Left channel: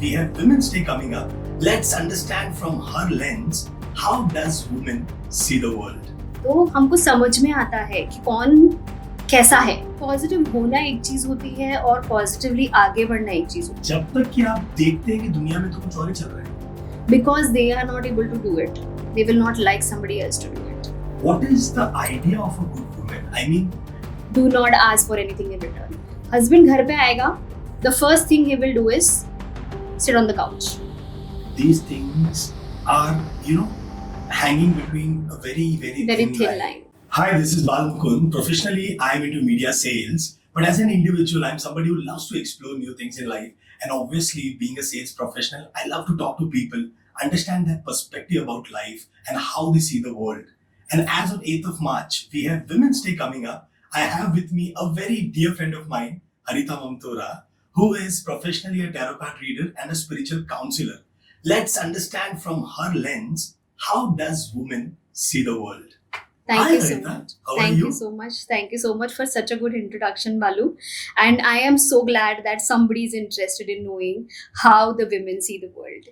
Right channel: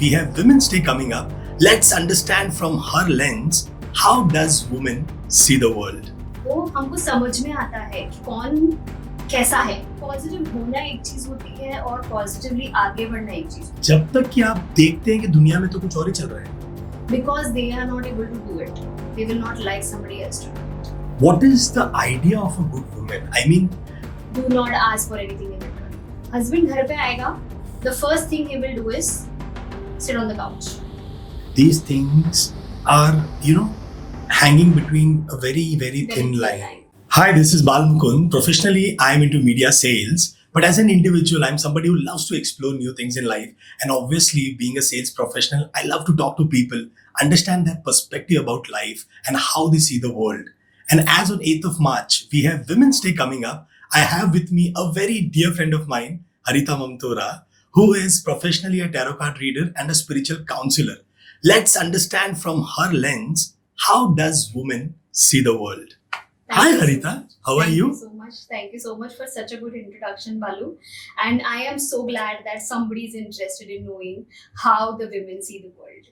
We have Women's Day coming up. Let's understand from her lens how does women see the world. तो हमको समझ में आता है कि कौन कैसा है. पॉजिटिव होना एक चीज होती है और पॉजिटिवली आगे बढ़ना एक चीज होती जब तक कि आप देखते हैं कि दुनिया में तो कुछ और ही चल रहा है. है. Because they are not able to do it, they will not like somebody else to do it. What is the idea of a good woman? I mean, do not ask for anything in return. Husband घर पे आएगा, the first thing he will do is sit on the couch. these things are, hanging between a very, very Very thin thin line. line. Hi, this is Bal Mukund. Professionally, I'm into media sales. But as an individual, I'm somebody who loves to explore new things in life. And obviously, being a sales professional, I love to talk to people, understand their perspective about life and how they see the world. And as on 8th of March, we have Women's Day coming up. I have with me a very dear friend of mine, Harita Mamtora, who is professionally a tarot card reader and a spiritual counselor. Let's understand from her lens, how does women see the world? Thank Hi you so Harita, much. how are Thank you? you so much. Thank you so much for such a good introduction, Balu. And I am so glad that somebody is interested in knowing how the women see the world.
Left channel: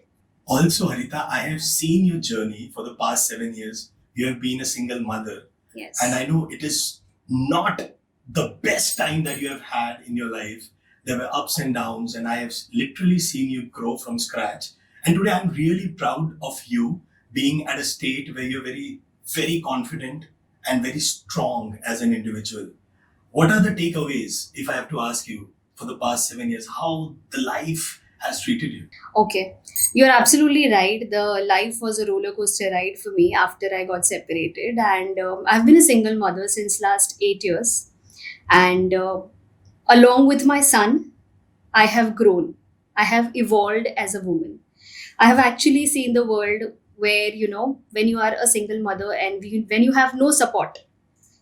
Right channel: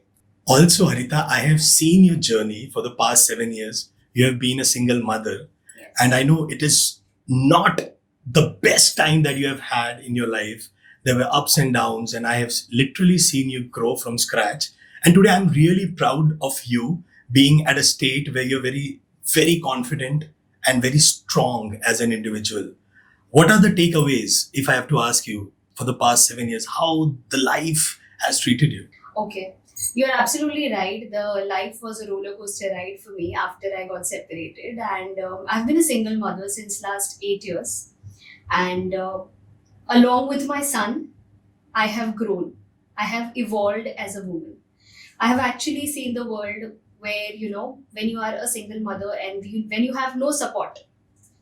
Also, Harita, I have seen your journey for the past 7 years. You have been a single mother, Yes. and I know it is not the best time that you have had in your life. There were ups and downs, and I have literally seen you grow from scratch. And today, I'm really proud of you being at a state where you're very, very confident and very strong as an individual. What are the takeaways, if I have to ask you, for the past 7 years, how the life has treated you? Okay. You're absolutely right. The life was a roller coaster ride for me after I got separated. And I've been a single mother since last 8 years. And along with my son, I have grown. I have evolved as a woman. I have actually seen the world where, when you are a single mother and when you have no support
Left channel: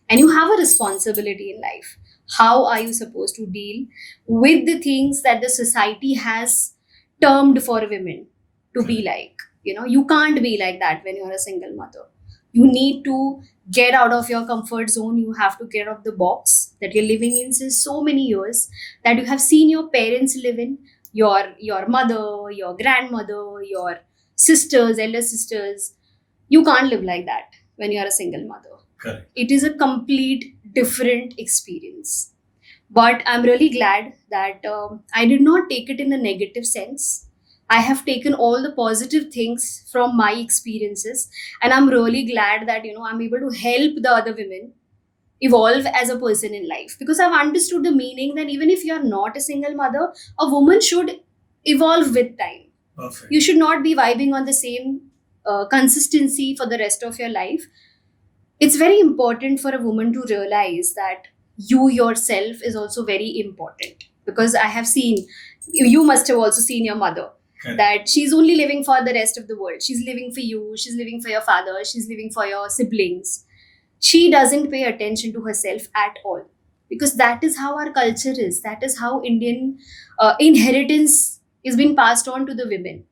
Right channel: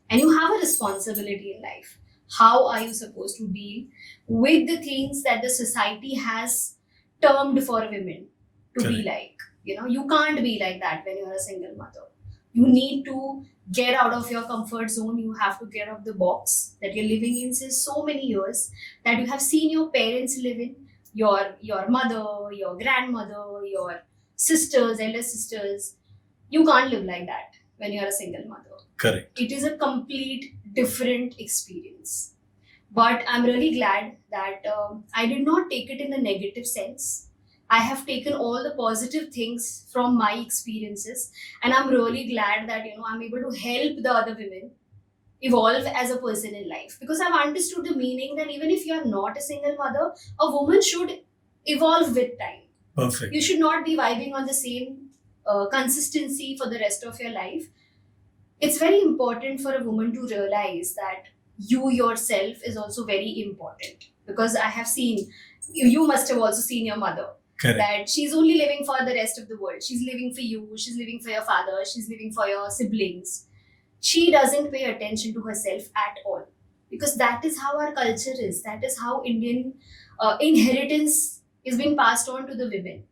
and you have a responsibility in life, how are you supposed to deal with the things that the society has termed for women to be Correct. like? You can't be like that when you're a single mother. You need to get out of your comfort zone. You have to get out of the box that you're living in since so many years, that you have seen your parents live in, your mother, your grandmother, your sisters, elder sisters. You can't live like that when you're a single mother. Correct. It is a complete different experience. But I'm really glad that I did not take it in a negative sense. I have taken all the positive things from my experiences, and I'm really glad that I'm able to help the other women evolve as a person in life, because I've understood the meaning that even if you're not a single mother, a woman should evolve with time. Perfect. You should not be vibing on the same consistency for the rest of your life. It's very important for a woman to realize that you yourself is also very important, because I have seen, you must have also seen your mother, Correct. that she's only living for the rest of the world. She's living for you, she's living for your father, she's living for your siblings. She doesn't pay attention to herself at all, because that is how our culture is, that is how Indian inheritance is being passed on to the women.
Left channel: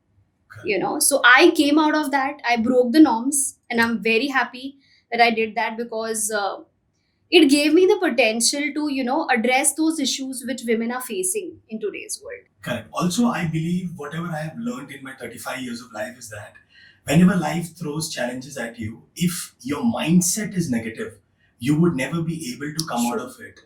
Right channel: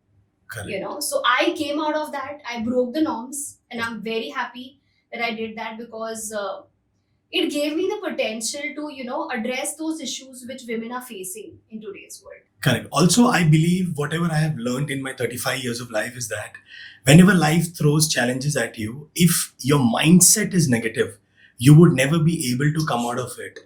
Correct. So I came out of that, I broke the norms, and I'm very happy that I did that, because it gave me the potential to address those issues which women are facing in today's world. Correct. Also, I believe whatever I have learned in my 35 years of life is that whenever life throws challenges at you, if your mindset is negative, you would never be able to come out of it.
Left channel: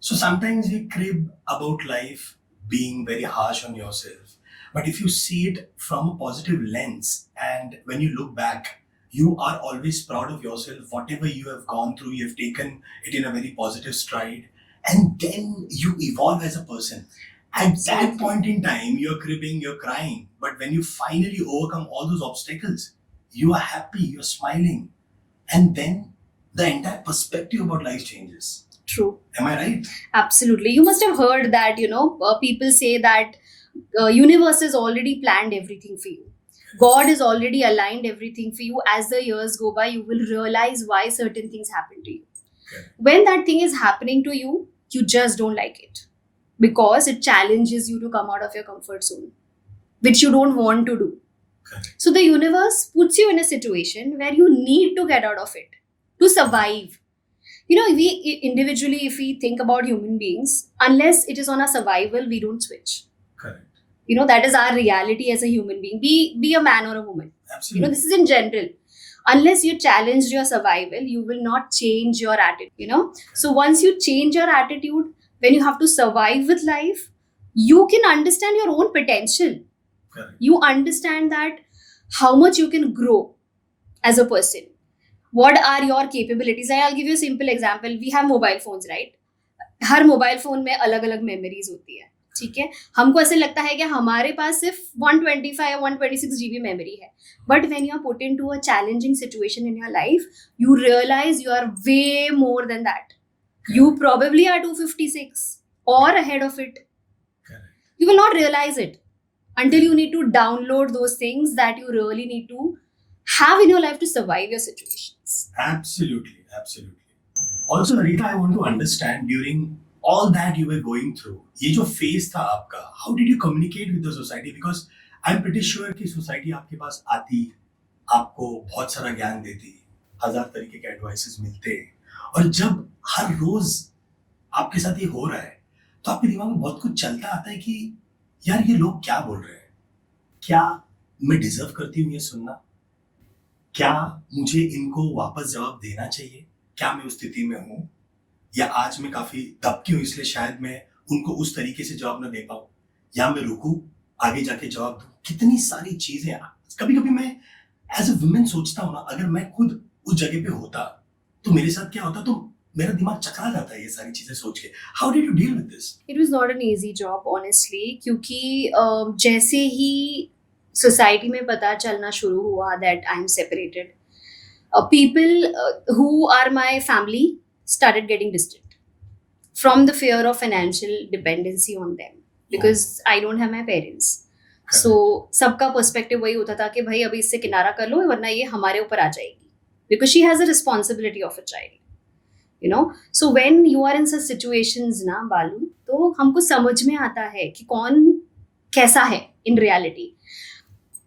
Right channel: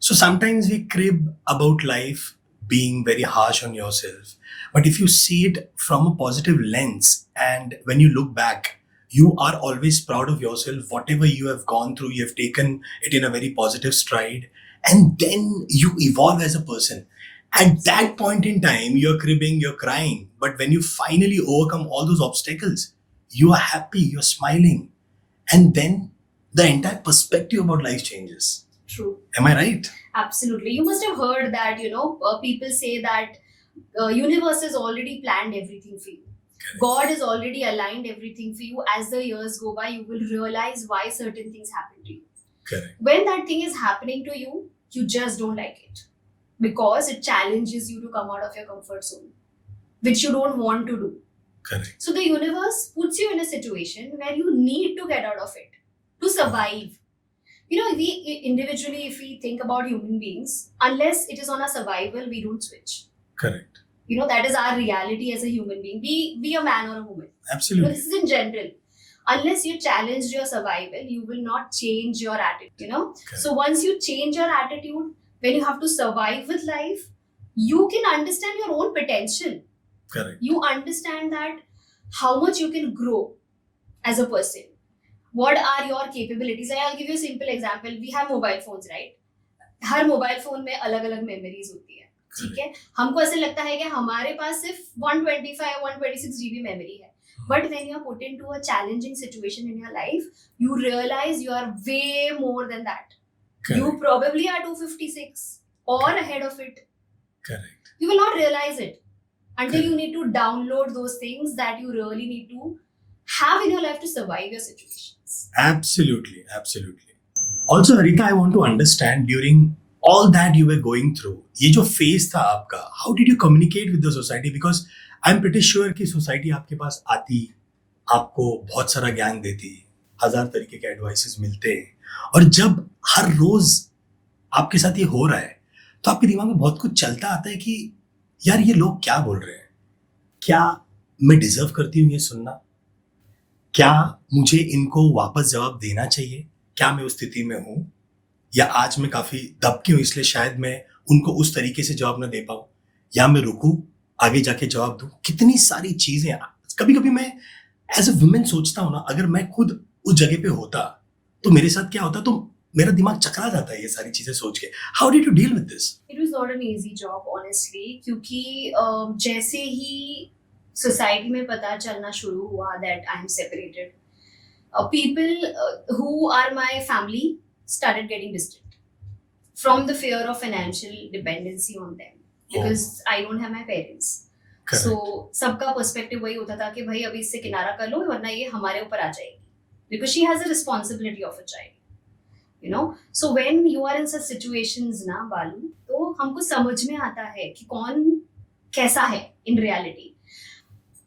So sometimes we crib about life being very harsh on yourself. But if you see it from a positive lens, and when you look back, you are always proud of yourself. Whatever you have gone through, you have taken it in a very positive stride, and then you evolve as a person. At that point in time, you're cribbing, you're crying. But when you finally overcome all those obstacles, you are happy, you're smiling. And then the entire perspective about life changes. True. Am I right? Absolutely. You must have heard that, people say that universe has already planned everything for you. God has already aligned everything for you. As the years go by, you will realize why certain things happen to you. Correct. When that thing is happening to you, you just don't like it, because it challenges you to come out of your comfort zone, which you don't want to do. Correct. So the universe puts you in a situation where you need to get out of it to survive. We individually, if we think about human beings, unless it is on a survival, we don't switch. Correct. That is our reality as a human being. Be a man or a woman. Absolutely. This is in general. Unless you challenge your survival, you will not change your attitude. Correct. So once you change your attitude, when you have to survive with life, you can understand your own potential. Correct. You understand that how much you can grow as a person. What are your capabilities? I'll give you a simple example. We have mobile phones, right? Her mobile phone में अलग अलग memories होती है, ठीक है. हमको ऐसे लगता है कि हमारे पास सिर्फ 125 या 126 GB मेमोरी है. But when you are put into a challenging situation in your life, you realize you are way more than that. Correct. You probably are 256 or ahead of it. Correct. You will not realize it until you need to download those things that you really need to have in your life to survive your situations. Absolutely, absolutely. Also, Harita, I want to understand during all that you were going through, ये जो phase था आपका, how did you communicate with the society? Because I'm pretty sure कि society आपके पास आती, आपको बहुत सारा ज्ञान देती, 1000 तरीके के advices मिलते हैं, और जब हर रोज आपके साथ ये हो रहा है, तो आपके दिमाग में बहुत कुछ चलता आता है कि यार ये लोग क्या बोल रहे हैं, क्या मैं डिजर्व करती हूँ ये सुनना, क्या मुझे इनको वापस जवाब देना चाहिए, क्या मैं उस स्थिति में हूं, या आज मैं काफी दब के हूं इसलिए शायद मैं उनको उस तरीके से जवाब ना दे पाऊं, या मैं रुकूं आगे जाके जवाब दूं. कितनी सारी चीजें. कभी कभी मैं एज अ वुमेन सोचता हूं ना, अगर मैं खुद उस जगह पे होता तो मेरे साथ क्या होता, तो मेरा दिमाग चकरा जाता है ये सारी चीजें सोच के. How did you deal with this? It was not an easy job, honestly, क्योंकि जैसे ही सोसाइटी में पता चलना शुरू हुआ that I'm separated, people who are my family started getting distant from the fear of financial dependency on them, because I don't have my parents. Correct. So सबका perspective वही होता था कि भाई अभी इससे किनारा कर लो वरना ये हमारे ऊपर आ जाएगी, because she has a responsibility of a child. So when you are in such situations ना बालू, तो हमको समझ में आता है कि कौन कैसा है in reality.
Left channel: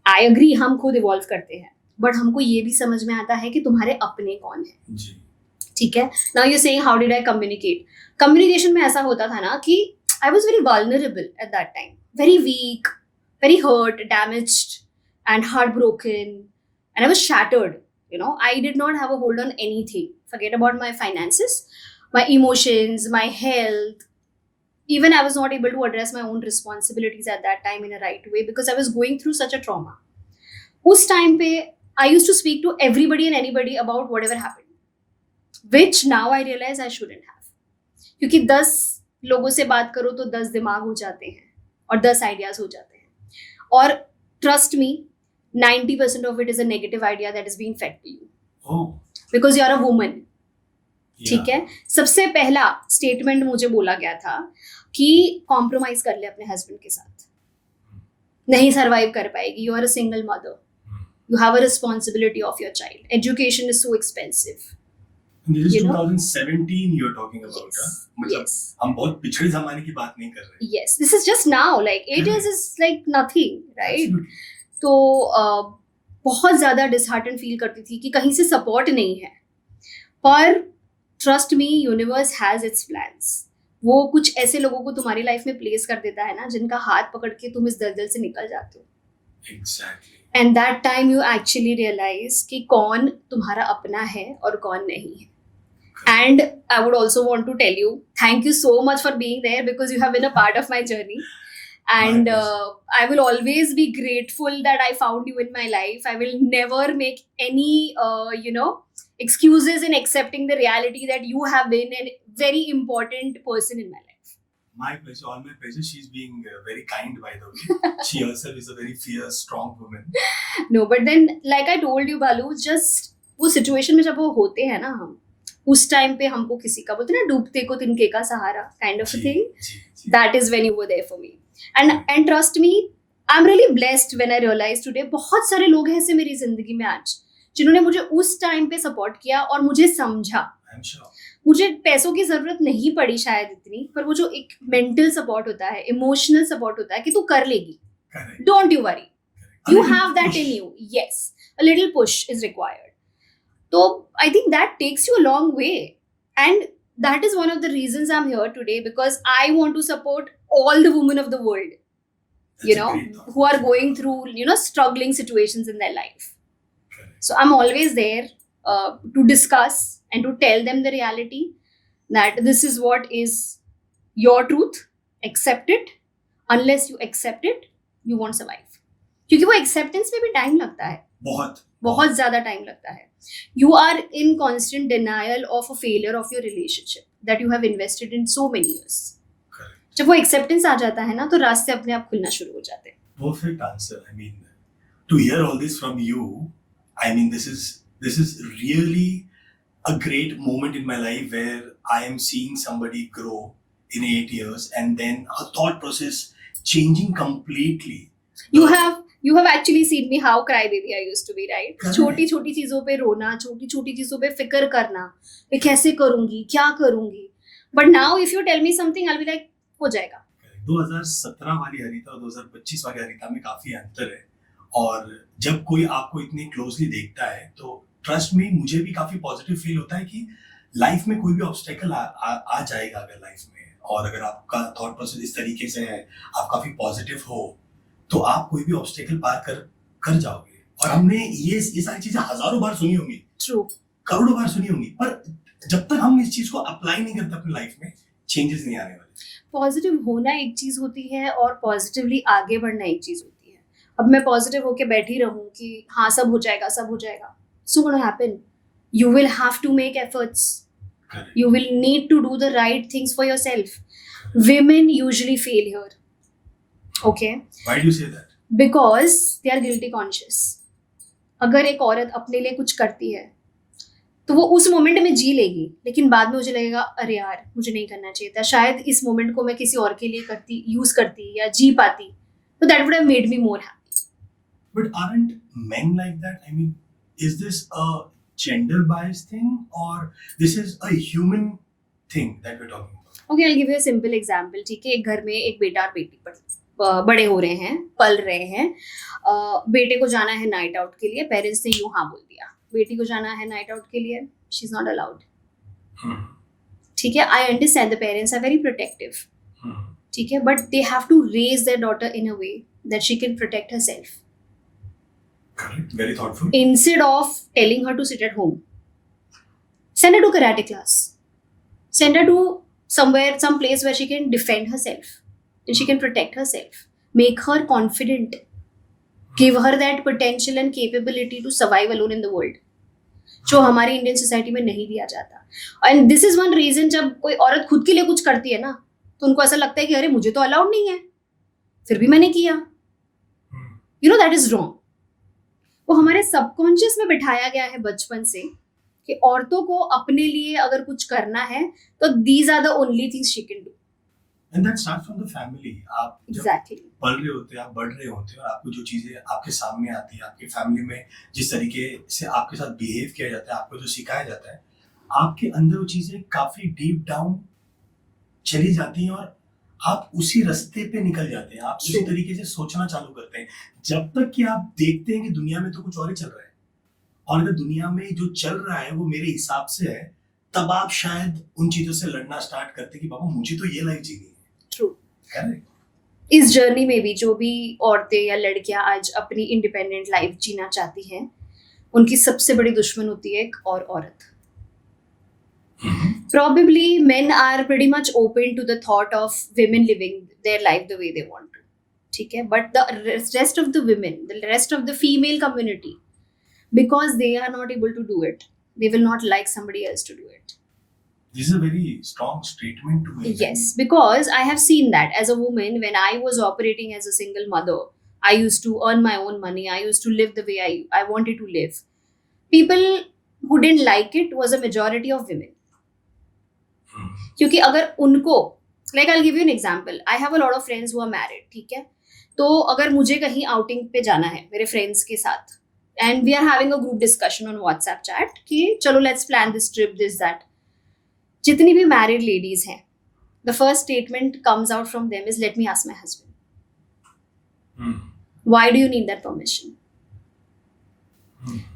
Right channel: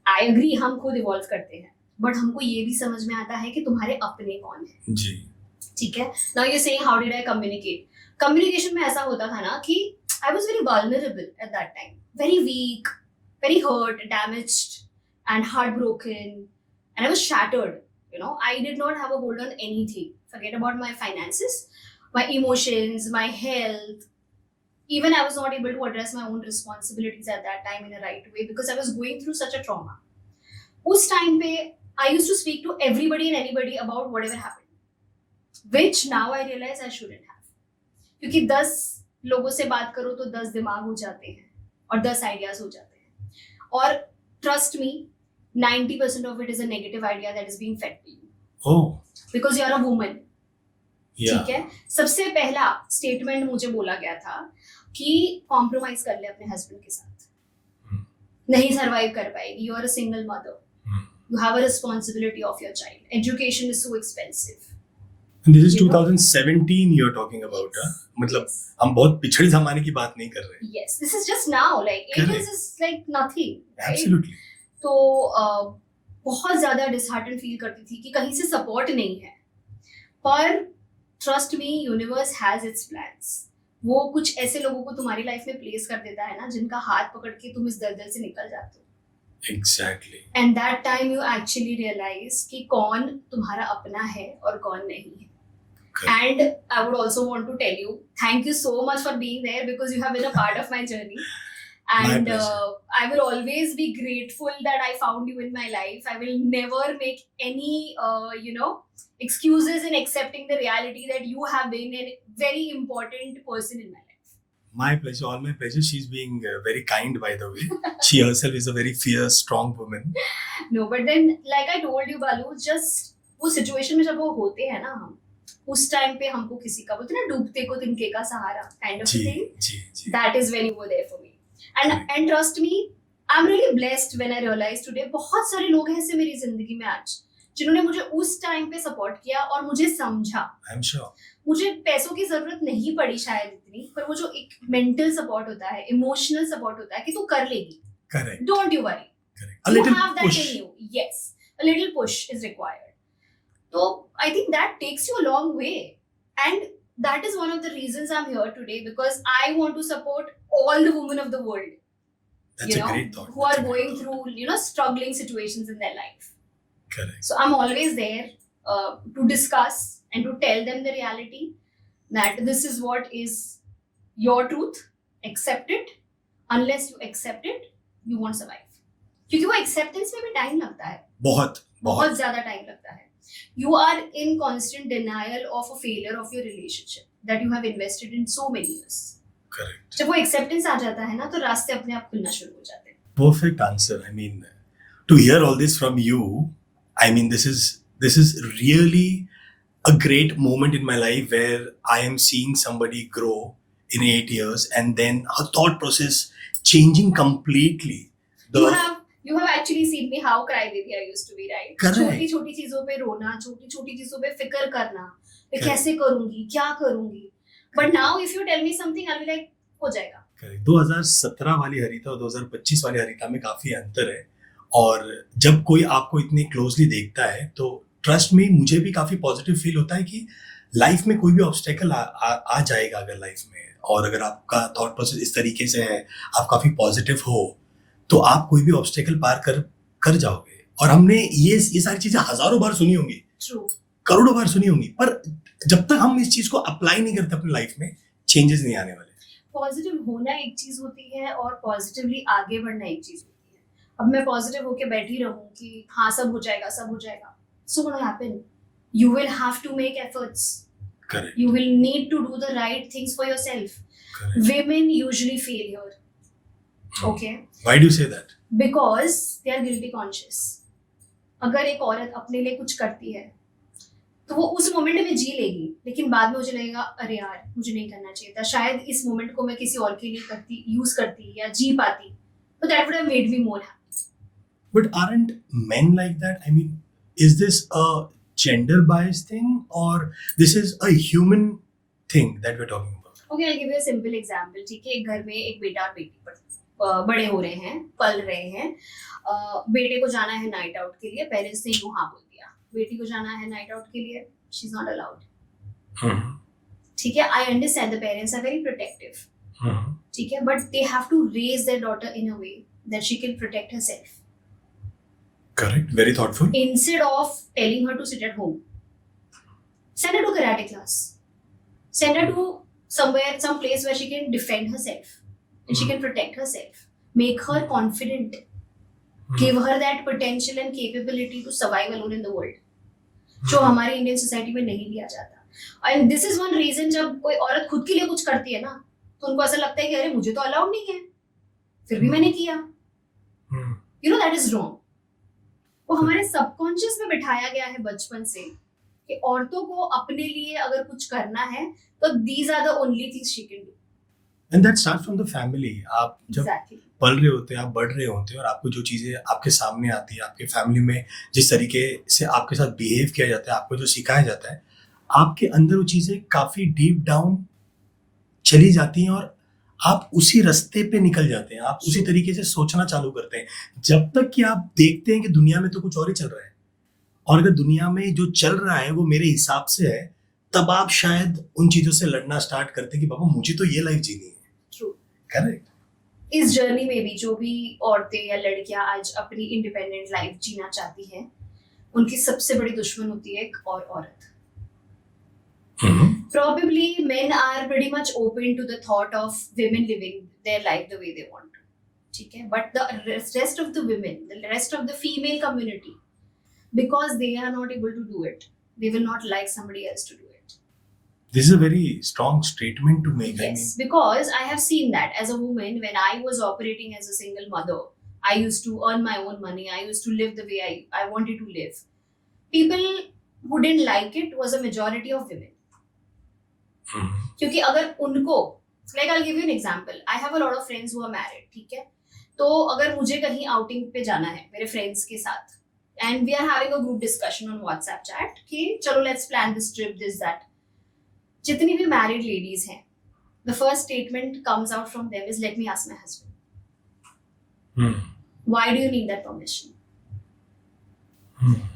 I agree, हम खुद इवॉल्व करते हैं, बट हमको ये भी समझ में आता है कि तुम्हारे अपने कौन है. जी. ठीक है. Now you saying how did I communicate. Communication में ऐसा होता था ना कि I was very vulnerable at that time, very weak, very hurt, damaged and heart broken, and I was shattered. I did not have a hold on anything. Forget about my finances, my emotions, my health. Even I was not able to address my own responsibilities at that time in a right way because I was going through such a trauma. उस time पे I used to speak to everybody and anybody about whatever happened, which now I realize I shouldn't have. क्योंकि 10 लोगों से बात करो तो 10 दिमाग हो जाते हैं और 10 आइडियाज हो जाते हैं, और trust me, 90% of it is a negative idea that is being fed to you. Oh. Because you are a woman. Yeah. ठीक है. सबसे पहला स्टेटमेंट मुझे बोला गया था कि कॉम्प्रोमाइज कर ले अपने हस्बैंड के साथ, नहीं सरवाइव कर पाएगी, you are a single mother, you have a responsibility of your child, education is so expensive. And this is 2017 you're talking about. Yes. मतलब Yes. हम बहुत पिछड़ी जमाने की बात नहीं कर रहे. Yes, this is just now, like 8 years is like nothing, right? Absolutely. तो बहुत ज़्यादा डिसहार्टन फील करती थी कि कहीं से सपोर्ट नहीं है, पर trust me, universe has its plans. वो कुछ ऐसे लोगों को तुम्हारी लाइफ में प्लेस कर देता है ना, जिनका हाथ पकड़ के तुम इस दलदल से निकल जाते हो. Exactly. And that time you actually realise कि कौन तुम्हारा अपना है और कौन नहीं है. And I would also want to tell you, thank you so much for being there, because you have been a part of my journey. And I will always be grateful that I found you in my life. I will never make any, excuses in accepting the reality that you have been a very important person in my life. My pleasure, all my pleasure. She's being very kind, by the way. She herself is a very fierce, strong woman. No, but then, like I told you, Balu, just वो situation में जब वो होते हैं ना, हम उस time पे हमको किसी का बोलते हैं ना, डूबते को तिनके का सहारा kind of a thing. Ji. That is when you were there for me. And trust me, I'm really blessed when I realized today, बहुत सारे लोग हैं ऐसे मेरी जिंदगी में आज जिन्होंने मुझे उस टाइम पे सपोर्ट किया और मुझे समझा. I'm sure. मुझे पैसों की जरूरत नहीं पड़ी शायद इतनी, पर वो जो एक मेंटल सपोर्ट होता है, इमोशनल सपोर्ट होता है कि तू कर लेगी. Correct. Don't you worry. Correct. You have that in you. Yes, a little push is required. So I think that takes you a long way, and that is one of the reasons I'm here today, because I want to support all the women of the world. That's you a know, great thought. who are That's a great going thought. through, you know, struggling situations in their life. Correct. So I'm always there to discuss and to tell them the reality that this is what is your truth. Accept it. Unless you accept it, you won't survive. क्योंकि वो acceptance में भी time लगता है. बहुत ज़्यादा time लगता है. You are in constant denial of a failure of your relationship that you have invested in so many years. Correct. जब वो acceptance आ जाता है ना, तो रास्ते अपने आप खुलना शुरू हो जाते हैं. Perfect answer. I mean, to hear all this from you, I mean, this is really a great moment in my life where I am seeing somebody grow in 8 years and then her thought process changing completely. You have actually seen me how crybaby I used to be, right? Correct. छोटी छोटी चीजों पे रोना, छोटी छोटी चीजों पे फिक्र करना, मैं कैसे करूंगी, क्या करूंगी. But now if you tell me something, I'll be like, हो जाएगा. 2017 वाली हरिता और 2025 वाली हरिता में काफी अंतर है. और जब कोई आपको इतने क्लोजली देखता है तो ट्रस्ट में मुझे भी काफी पॉजिटिव फील होता है कि लाइफ में कोई भी ऑब्स्टेकल आ जाएगा अगर लाइफ में, और अगर आपका थॉट प्रोसेस इस तरीके से है, आप काफी पॉजिटिव हो, तो आप कोई भी ऑब्स्टेकल पार कर जाओगे. और हमने ये सारी चीजें हजारों बार सुनी होंगी, True. करोड़ों बार सुनी होंगी, पर जब तक हम इस चीज को अप्लाई नहीं करते अपनी लाइफ में, चेंजेस नहीं आने वाले. पॉजिटिव होना एक चीज होती है और पॉजिटिवली आगे बढ़ना एक चीज होती है. अब मैं पॉजिटिव होके बैठी रहूं कि हाँ सब हो जाएगा, सब हो जाएगा. So what will happen? You will have to make efforts. Correct. You will need to do the right things for yourself. Correct. Women usually fail here. Okay? Why do you say that? Because they are guilty conscious. अगर एक औरत अपने लिए कुछ करती है तो वो उस मोमेंट में जी लेगी, लेकिन बाद में मुझे लगेगा अरे यार मुझे नहीं करना चाहिए था, शायद इस मोमेंट को मैं किसी और के लिए यूज करती या जी पाती, तो that would have made me more happy. But aren't men like that? I mean, is this a gender biased thing or this is a human thing that we're talking about? Okay, I'll give you a simple example. ठीक है, एक घर में एक बेटा और बेटी बड़े हो रहे हैं, पल रहे हैं. बेटे को जाना है नाइट आउट के लिए, पेरेंट्स ने यूं हाँ बोल दिया. बेटी को जाना है नाइट आउट के लिए, शी इज नॉट अलाउड. ठीक है, I understand the parents are very protective. ठीक है, but they have to raise their daughter in a way that she can protect herself. Correct. Very thoughtful. Instead of telling her to sit at home, send her to karate class. Send her to some place where she can defend herself and she can protect herself. Make her confident. Give her that potential and capability to survive alone in the world. जो हमारी Indian society में नहीं दिया जाता. And this is one reason जब कोई औरत खुद के लिए कुछ करती है ना, तो उनको ऐसा लगता है कि अरे मुझे तो अलाउड नहीं है, फिर भी मैंने किया. You know that is wrong. वो हमारे सबकॉन्शियस में बिठाया गया है बचपन से कि औरतों को अपने लिए अगर कुछ करना है तो these are the only things she can do. And that starts from the family. आप जब Exactly. पल रहे होते हैं, आप बढ़ रहे होते हैं और आपको जो चीजें आपके सामने आती है, आपके फैमिली में जिस तरीके से आपके साथ बिहेव किया जाता है, आपको जो सिखाया जाता है, आपके अंदर वो चीजें काफी डीप डाउन चली जाती हैं और आप उसी रास्ते पे निकल जाते हैं. आप उसी तरीके से सोचना चालू करते हैं जब तक कि आप देखते हैं कि दुनिया में तो कुछ और ही चल रहा है, और अगर दुनिया में जो चल रहा है वो मेरे हिसाब से है, तब आप शायद उन चीजों से लड़ना स्टार्ट करते हैं कि बाबा मुझे तो ये लाइफ जीनी है. True. करेक्ट. इस जर्नी में भी जो भी औरतें या लड़कियां आज अपनी इंडिपेंडेंट लाइफ जीना चाहती हैं, उनकी सबसे बड़ी दुश्मन होती है एक और औरत. Probably men are pretty much open to the thought of women living their life the way they want to. ठीक है, but the rest of the women, the rest of the female community, because they are not able to do it, they will not like somebody else to do it. This is a very strong statement to make. Yes, because I have seen that as a woman when I was operating as a single mother. I used to earn my own money. I used to live the way I wanted to live. People who didn't like it was a majority of women. क्योंकि अगर उनको, like I'll give you an example. I have a lot of friends who are married. ठीक है, तो अगर मुझे कहीं outing पे जाना है मेरे फ्रेंड्स के साथ, and we are having a group discussion on WhatsApp chat कि चलो let's plan this trip, this that. जितनी भी मैरिड लेडीज हैं, the first statement comes out from them is let me ask my husband. Why do you need that permission?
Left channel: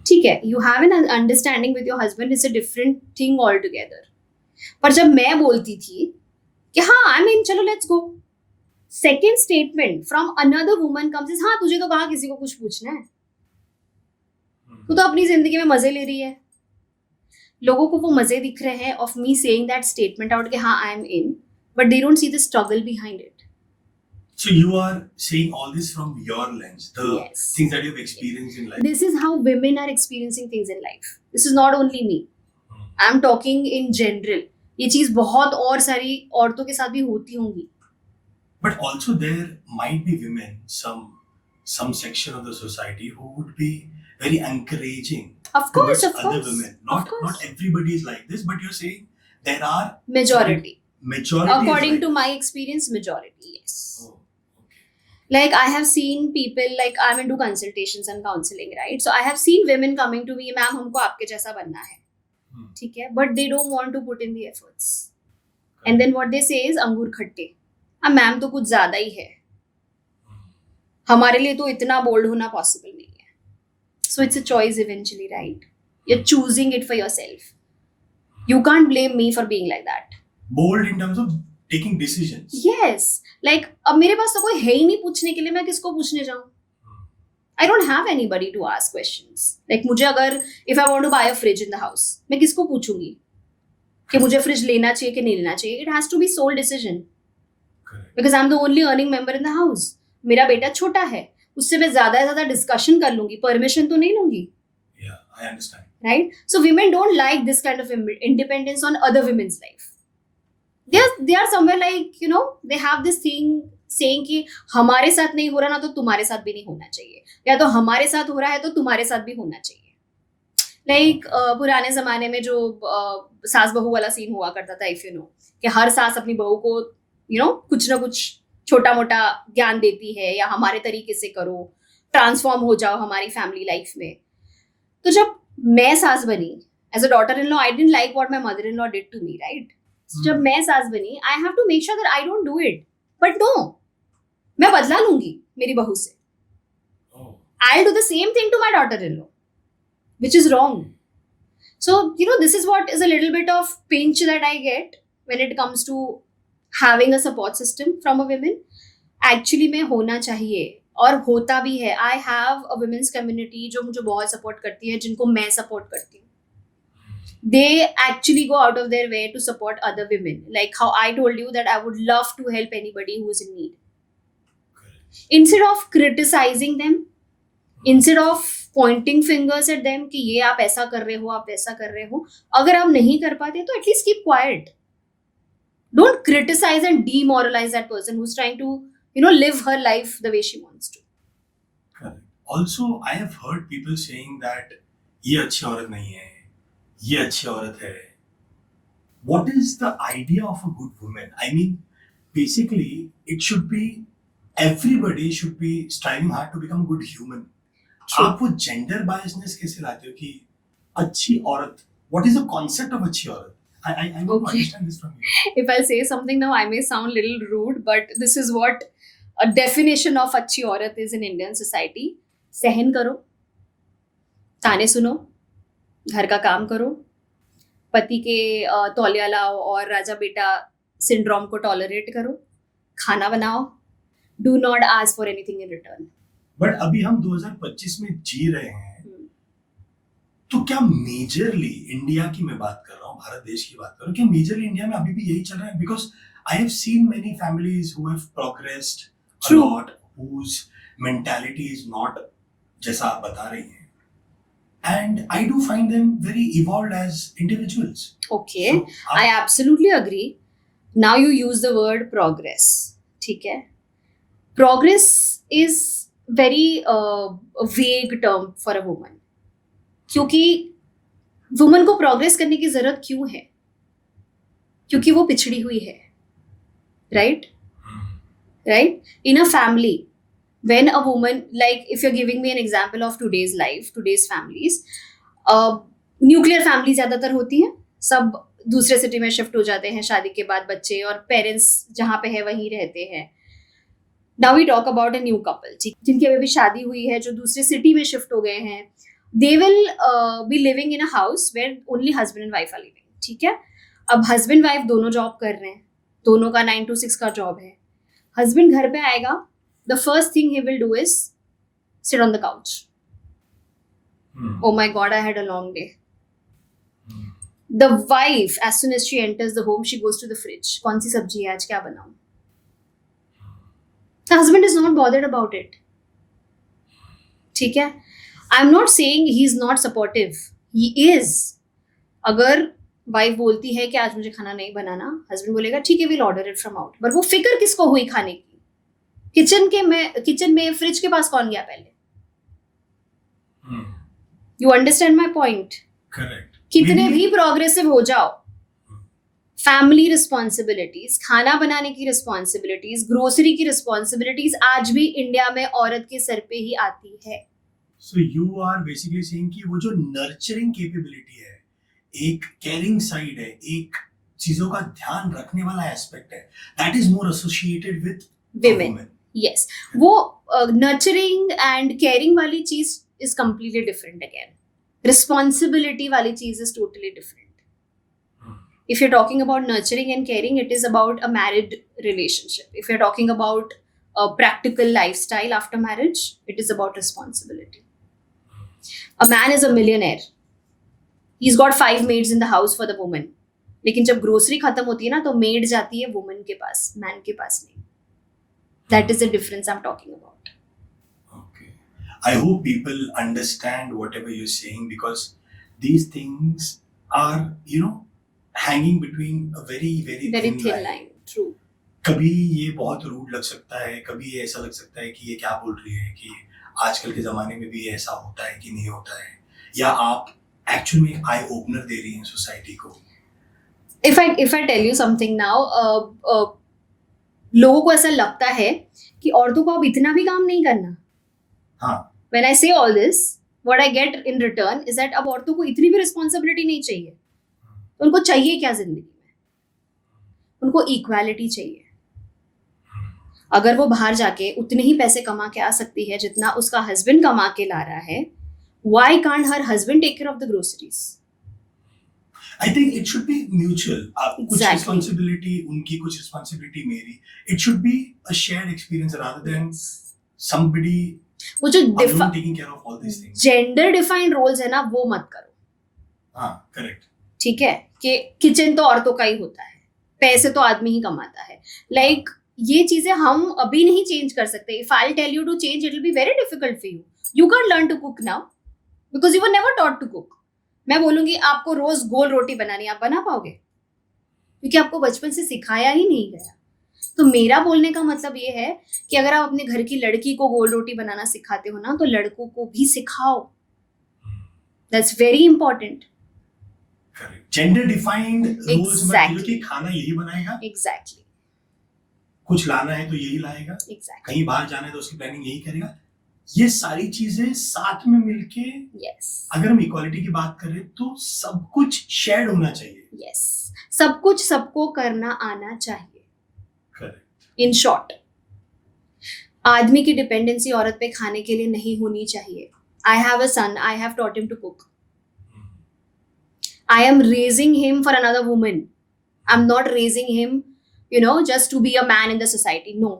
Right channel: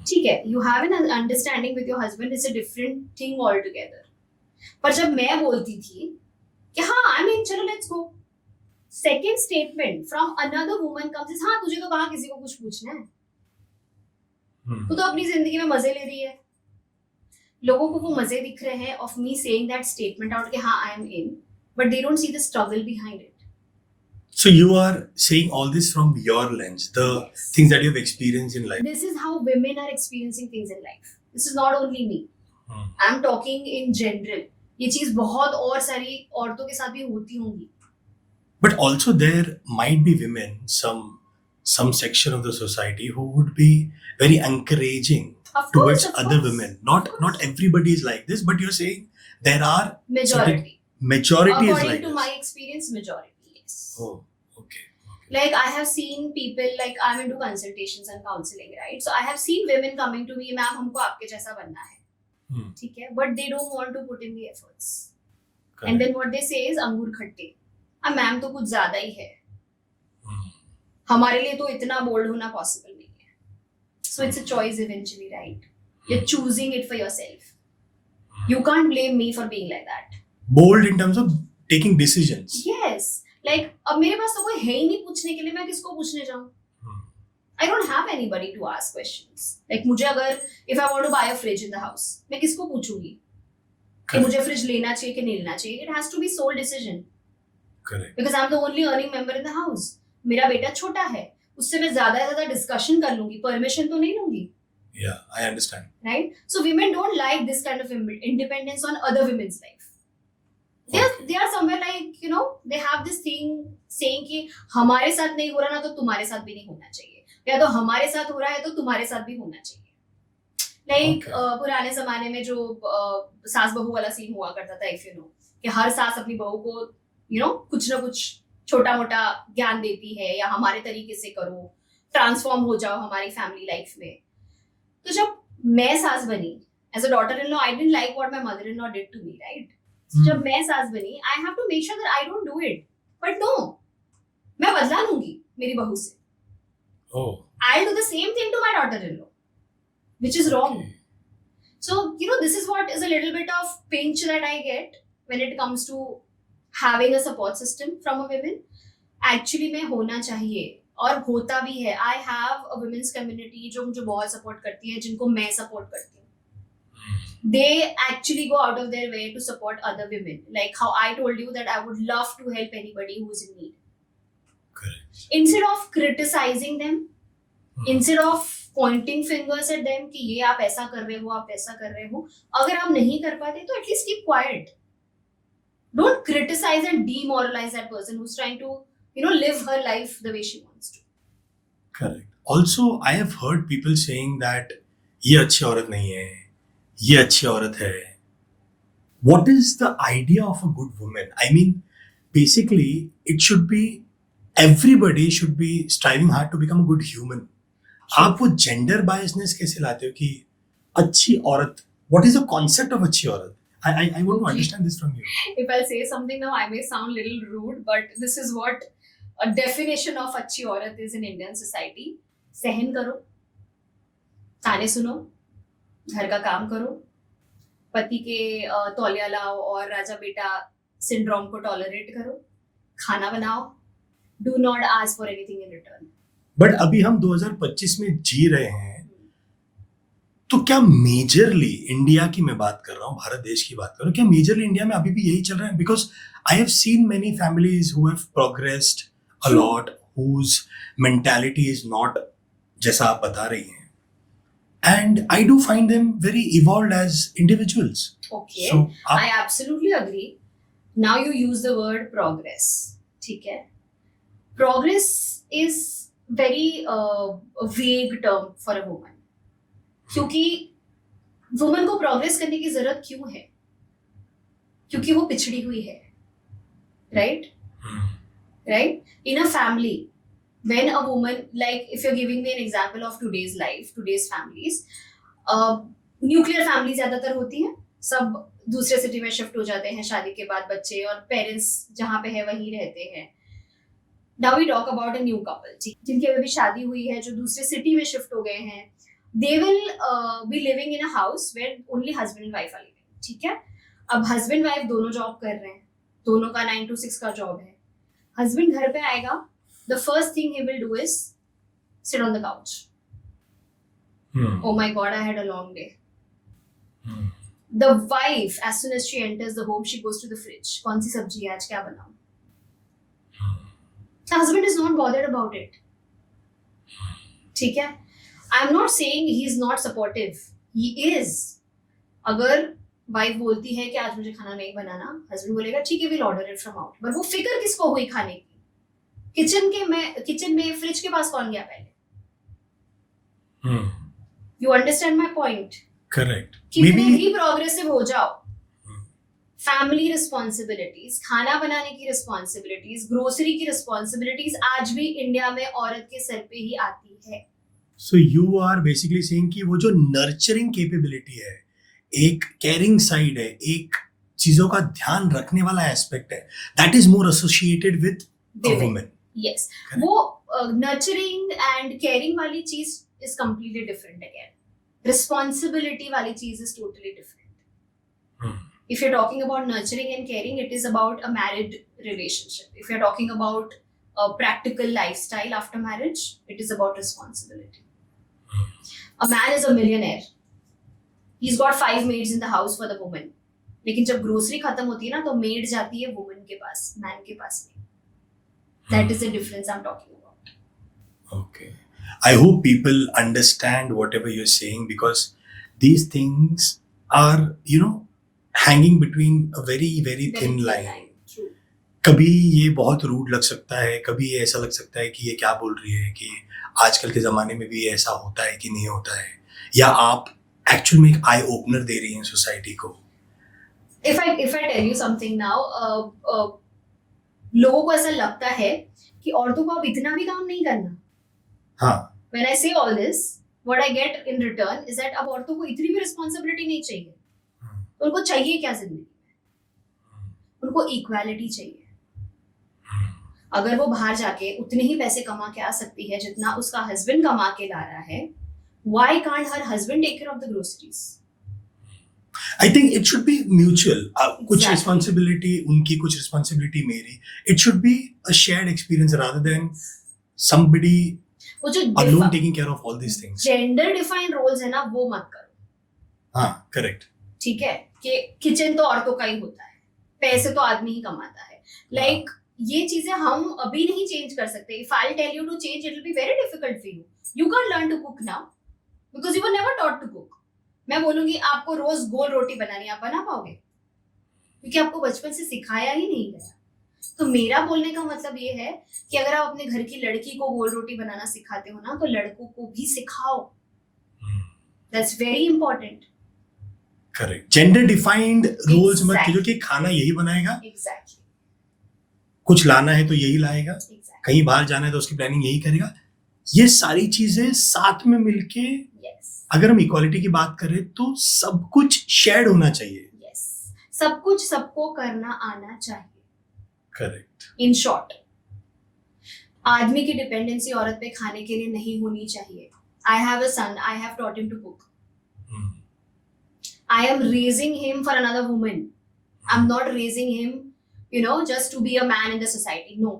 ठीक है, you have an understanding with your husband is a different thing altogether. पर जब मैं बोलती थी कि हाँ I mean चलो let's go, second statement from another woman comes is हाँ तुझे तो कहाँ किसी को कुछ पूछना है, तू तो अपनी जिंदगी में मजे ले रही है. लोगों को वो मजे दिख रहे हैं of me saying that statement out कि हाँ I am in, but they don't see the struggle behind it. So you are saying all this from your lens, the Yes. things that you've experienced in life. This is how women are experiencing things in life. This is not only me. Hmm. I'm talking in general. ये चीज बहुत और सारी औरतों के साथ भी होती होंगी. But also there might be women, some section of the society who would be very encouraging Of course, towards of other course. women. Of Not course. everybody is like this, but you're saying there are Majority. majority is According like to this. my experience, majority, yes. Oh, okay. Like I have seen people, like I'm into consultations and counseling, right? So I have seen women coming to me, ma'am हमको आपके जैसा बनना है, ठीक है, but they don't want to put in the efforts. Correct. And then what they say is अंगूर खट्टे. अब मैम तो कुछ ज्यादा ही है, हमारे लिए तो इतना बोल्ड होना पॉसिबल नहीं है. So it's a choice eventually, right? You're choosing it for yourself. You can't blame me for being like that. Bold in terms of taking decisions. Yes. Like अब मेरे पास तो कोई है ही नहीं पूछने के लिए, मैं किसको पूछने जाऊँ? I don't have anybody to ask questions. Like मुझे अगर if I want to buy a fridge in the house, मैं किसको पूछूंगी कि मुझे फ्रिज लेना चाहिए कि नहीं लेना चाहिए? It has to be sole decision. Correct. Because I'm the only earning member in the house. मेरा बेटा छोटा है, उससे मैं ज्यादा से ज्यादा डिस्कशन कर लूंगी, परमिशन तो नहीं लूंगी. Yeah, I understand. Right? So women don't like this kind of independence on other women's life. They are somewhere like, you know, they have this thing saying कि हमारे साथ नहीं हो रहा ना तो तुम्हारे साथ भी नहीं होना चाहिए, या तो हमारे साथ हो रहा है तो तुम्हारे साथ भी होना चाहिए. Like पुराने जमाने में जो सास बहू वाला सीन हुआ करता था, if you know, कि हर सास अपनी बहू को you know कुछ ना कुछ छोटा मोटा ज्ञान देती है, या हमारे तरीके से करो, ट्रांसफॉर्म हो जाओ हमारी फैमिली लाइफ में. तो जब मैं सास बनी as a daughter in law, I didn't like what my mother in law did to me, right? जब मैं सास बनी, I have to make sure that I don't do it. But no, मैं बदला लूंगी मेरी बहू से. Oh. I'll do the same thing to my daughter-in-law, which is wrong. So, you know, this is what is a little bit of pinch that I get when it comes to having a support system from a woman. Actually में होना चाहिए और होता भी है. I have a women's community जो मुझे बहुत support करती है, जिनको मैं support करती हूँ. They actually go out of their way to support other women. Like how I told you that I would love to help anybody who's in need. Correct. Instead of criticizing them, instead of pointing fingers at them कि ये आप ऐसा कर रहे हो, आप वैसा कर रहे हो, अगर आप नहीं कर पाते तो at least keep quiet. Don't criticize and demoralize that person who's trying to, you know, live her life the way she wants to. Correct. Also, I have heard people saying that ये अच्छी औरत नहीं है, ये अच्छी औरत है. What is the idea of a good woman? I mean, basically, it should be everybody should be striving hard to become a good human. True. आप वो gender biasness कैसे लाते हो कि अच्छी औरत? What is the concept of अच्छी औरत? I want to Okay. understand this from you. If I'll say something now, I may sound a little rude, but this is what a definition of अच्छी औरत is in Indian society. सहन करो, ताने सुनो, घर का काम करो, पति के तौलिया लाओ और राजा बेटा सिंड्रोम को टॉलरेट करो, खाना बनाओ, do not ask for anything in return. But अभी हम 2025 में जी रहे हैं, तो क्या मेजरली इंडिया की मैं बात कर रहा हूँ, भारत देश की बात कर रहा हूँ, क्या मेजरली इंडिया में अभी भी यही चल रहा है? Because I have seen many families who have progressed a True. Lot, whose mentality is not जैसा आप बता रही हैं, and I do find them very evolved as individuals. Okay, I absolutely agree. Now you use the word progress. ठीक है? Progress is very vague term for a woman. क्योंकि woman को progress करने की जरूरत क्यों है? क्योंकि वो पिछड़ी हुई है, right? Right? In a family, when a woman, like if you're giving me an example of today's life, today's families, nuclear family ज्यादातर होती हैं, सब दूसरे सिटी में शिफ्ट हो जाते हैं शादी के बाद, बच्चे और पेरेंट्स जहाँ पे है वहीं रहते हैं. Now we talk about a new couple, जिनकी अभी भी शादी हुई है, जो दूसरे सिटी में शिफ्ट हो गए हैं. They will be living in a house where only husband and wife are living. ठीक है? अब husband wife दोनों जॉब कर रहे हैं, दोनों का 9 to 6 का जॉब है. हस्बैंड घर पे आएगा, the first thing he will do is sit on the couch. Oh my god, I had a long day. The wife, as soon as she enters the home, she goes to the fridge. कौन सी सब्जी है आज, क्या बनाऊं? The husband is not bothered about it. ठीक है? I'm not saying he is not supportive. He is. अगर wife बोलती है कि आज मुझे खाना नहीं बनाना, हस्बैंड बोलेगा ठीक है, we'll order it from out. पर वो फिक्र किसको हुई खाने की? किचन में फ्रिज के पास कौन गया पहले? You understand my point? Correct. कितने भी प्रोग्रेसिव हो जाओ, फैमिली रिस्पॉन्सिबिलिटीज, खाना बनाने की रिस्पॉन्सिबिलिटीज, ग्रोसरी की रिस्पॉन्सिबिलिटीज आज भी इंडिया में औरत के सर पे ही आती है. So you are basically saying कि वो जो nurturing capability है, एक caring side है, एक चीजों का ध्यान रखने वाला एस्पेक्ट है, that is more associated with a Women. woman. Yes. वो नर्चरिंग एंड केयरिंग वाली चीज is completely different again. Responsibility वाली चीज is totally different. If you're talking about nurturing and caring, it is about a married relationship. If you're talking about a practical lifestyle after marriage, it is about responsibility. A man is a millionaire. He's got 5 maids in the house for the woman. लेकिन जब grocery खत्म होती है ना, तो made जाती है woman के पास, मैन के पास नहीं. That is the difference I'm talking about. Okay. I hope people understand whatever you're saying, because these things are, hanging between a very, very Very thin thin line. line. True. कभी ये बहुत rude लग सकता है, कभी ये ऐसा लग सकता है कि ये क्या बोल रही है, कि आजकल के ज़माने में भी ऐसा होता है कि नहीं होता है, या आप एक्चुअल में एक आई ओपनर दे रही हैं सोसाइटी को. If I tell you something now, लोगों को ऐसा लगता है कि औरतों को अब इतना भी काम नहीं करना. हाँ. When I say all this, what I get in return is that अब औरतों को इतनी भी रिस्पॉन्सिबिलिटी नहीं चाहिए. उनको चाहिए क्या जिंदगी में? उनको इक्वालिटी चाहिए. अगर वो बाहर जाके उतने ही पैसे कमा के आ सकती है जितना उसका हस्बैंड कमा के ला रहा है, why can't her husband take care of the groceries? I think it should be mutual. कुछ Exactly. responsibility उनकी, कुछ responsibility मेरी. It should be a shared experience rather than somebody वो जो alone taking care of all these things. Gender defined roles है ना, वो मत करो. हाँ, correct. ठीक है, कि किचन तो औरतों का ही होता है, पैसे तो आदमी ही कमाता है. लाइक ये चीजें हम अभी नहीं चेंज कर सकते. If I tell you to change, it will be very difficult for you. You can learn to cook now because you were never taught to cook. मैं बोलूंगी आपको रोज गोल रोटी बनानी, आप बना पाओगे? क्योंकि आपको बचपन से सिखाया ही नहीं गया. तो मेरा बोलने का मतलब ये है कि अगर आप अपने घर की लड़की को गोल रोटी बनाना सिखाते हो ना, तो लड़कों को भी सिखाओ. That's very important. Correct. Gender defined roles मत Exactly. कीजिए कि खाना यही बनाएगा, एग्जैक्टली. कुछ लाना है तो यही लाएगा, एग्जैक्टली. कहीं बाहर जाना है तो उसकी प्लानिंग यही करेगा. ये सारी चीजें साथ में मिलके, यस. अगर हम इक्वालिटी की बात करें तो सब कुछ शेयर्ड होना चाहिए. यस. सब कुछ सबको करना आना चाहिए. करेक्ट. इन शॉर्ट, आदमी की डिपेंडेंसी औरत पे खाने के लिए नहीं होनी चाहिए. I have a son, I have taught him to cook. I am raising him for another woman. I'm not raising him, just to be a man in the society. No,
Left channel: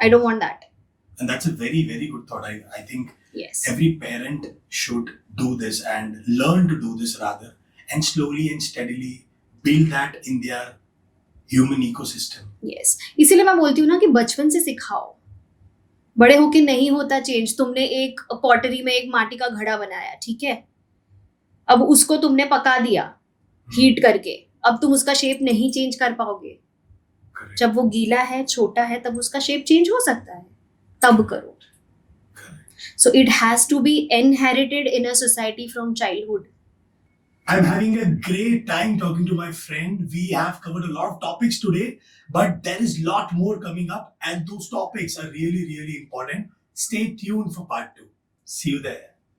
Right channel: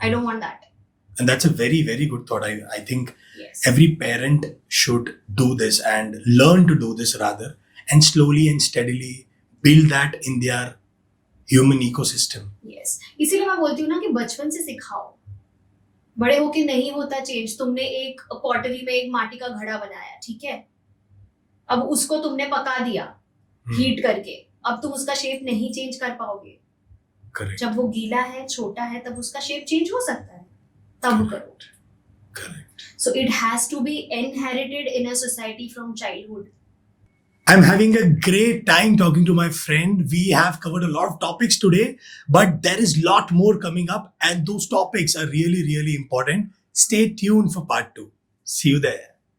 I don't want that. And that's a very, very good thought. I think Yes. every parent should do this and learn to do this rather, and slowly and steadily build that in their human ecosystem. Yes. इसीलिए मैं बोलती हूँ ना कि बचपन से सिखाओ. बड़े होके नहीं होता चेंज. तुमने एक पॉटरी में एक माटी का घड़ा बनाया, ठीक है, अब उसको तुमने पका दिया हीट करके, अब तुम उसका शेप नहीं चेंज कर पाओगे. Correct. जब वो गीला है, छोटा है, तब उसका शेप चेंज हो सकता है. तब करो. Correct. So it has to be inherited in a society from childhood. I'm having a great time talking to my friend. We have covered a lot of topics today, but there is a lot more coming up, and those topics are really, really important. Stay tuned for part 2. See you there.